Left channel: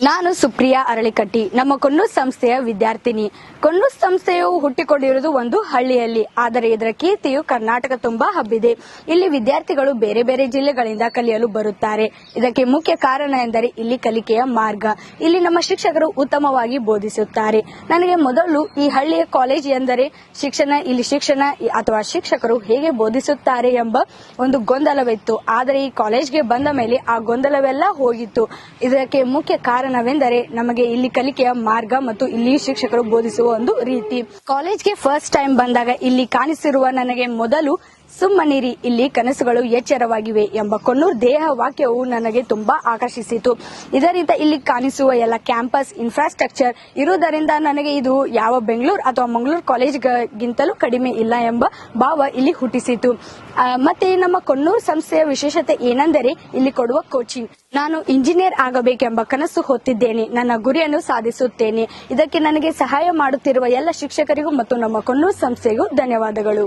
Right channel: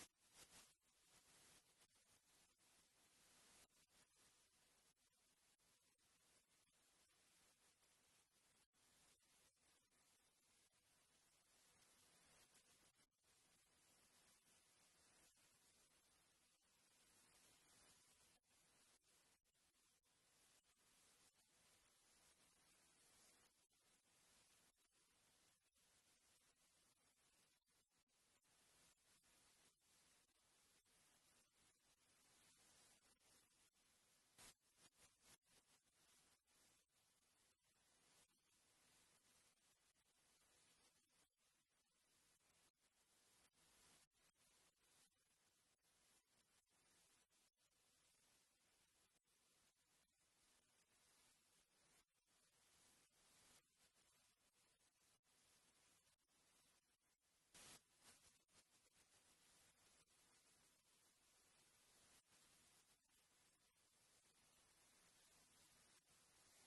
ನಾನು ಸುಪ್ರಿಯಾ ಅರಳಿಕಟ್ಟಿ, ನಮ್ಮ ಕೊನ್ನೂರ್ ಸಂಸ್ಥೆಯ ವಿದ್ಯಾರ್ಥಿನಿ. ಕೊನ್ನೂರ್ ಸಂಸ್ಥೆಯು ಹುಟ್ಟಿಕೊಂಡಿರುವುದು ಒಂದು ಹಳ್ಳಿಯಲ್ಲಿ, ಆದರೆ ಇದರ ಕೀರ್ತಿಯು ಕರ್ನಾಟಕ ತುಂಬಾ ಹಬ್ಬಿದೆ. ಇಲ್ಲಿ ವಿದ್ಯಾರ್ಥಿಗಳು ಬೇರೆ ಬೇರೆ ಜಿಲ್ಲೆಗಳಿಂದ ಕಲಿಯಲು ಬರುತ್ತಾರೆ. ಇದಕ್ಕೆ ಮುಖ್ಯ ಕಾರಣ ಎಂದರೆ ಇಲ್ಲಿ ಕಲಿಕೆಯ ಮಾರ್ಗ. ಇಲ್ಲಿ ನಮ್ಮ ಶಿಕ್ಷಕರು ಉತ್ತಮವಾಗಿ ಬೋಧಿಸುತ್ತಾರೆ. ನನಗೆ ಮೊದಲು ಈ ಹಳ್ಳಿಯ ಕಾಲೇಜ್ ಎಂದರೆ ಇಲ್ಲಿ ಶಿಕ್ಷಣ ಅಥವಾ ಶಿಕ್ಷಕರು ಹೇಗೆ ಬೋಧಿಸುತ್ತಾರೆ ಎಂಬ ಒಂದು ಗೊಂದಲವಿತ್ತು. ಆದರೆ ಈ ಕಾಲೇಜ್ಗೆ ಬಂದ ಮೇಲೆ ಆ ಗೊಂದಲವೆಲ್ಲ ಹೋಗಿತ್ತು. ಇದಕ್ಕೆ ಮುಖ್ಯ ಕಾರಣವೆಂದರೆ ನಮಗೆ ಇಲ್ಲಿ ಕಲಿಕೆಯ ಮಾರ್ಗ ಮತ್ತು ಇಲ್ಲಿ ಶಿಕ್ಷಕರು ಬೋಧಿಸುವ ಒಂದು ರೀತಿ. ಕಾಲೇಜ್ಗೆ ಫಸ್ಟ್ ಟೈಮ್ ಬಂದಾಗ ಇಲ್ಲಿ ಕಾಣಿಸಿರುವ ನನಗೆ ಮೊದಲು ಸುಮ್ಮನಿರಿ, ಇಲ್ಲಿ ಕನಸುಗಳು ಎಚ್ಚರವಾಗಿವೆ ಎಂಬ ಕೊನ್ನೂರ್ ದೇಹ ವಾಕ್ಯವು ನನಗೆ ತುಂಬಾ ಆಕರ್ಷಿಸಿತು. ಇದರಿಂದ ಇಲ್ಲಿ ಕಾಣಿಸುವ ಎಲ್ಲ ಕ್ಯಾಂಪಸ್ ಇನ್ಫ್ರಾಸ್ಟ್ರಕ್ಚರ್ ಇರುವುದರಿಂದ ನನಗೆ ಇದು ಯಾವ ಬೆಂಗಳೂರು ಅಥವಾ ಮಂಗಳೂರು ಕಾಲೇಜ್ಗಿಂತಲೂ ಕಡಿಮೆ ಇಲ್ಲ ಎಂಬ ಭಾವ ಇಲ್ಲಿ ಹುಟ್ಟಿಸಿತು. ಮತ್ತೆ ನಮ್ಮ ಕೊನ್ನೂರು ಸಂಸ್ಥೆಯ ವಿಶೇಷತೆ ಏನೆಂದರೆ ಇಲ್ಲಿ ಕೊಡುವ ಕೋಚಿಂಗ್. ನಾನು ಇಂಜಿನಿಯರ್ ಆಗಬೇಕೆಂಬ ಕನಸು ಹೊತ್ತಿದ್ದೇನೆ. ನನ್ನ ಗುರಿಯನ್ನು ಸಾಧಿಸುತ್ತೇನೆ. ಇದಕ್ಕೆ ನನಗೆ ಸಹಾಯ ಮಾಡುತ್ತಿರುವ ಎಲ್ಲ ಶಿಕ್ಷಕರಿಗೂ ಮತ್ತು ನಮ್ಮ ಕೊನ್ನೂರು ಸಂಸ್ಥೆಗೂ ಧನ್ಯವಾದಗಳು.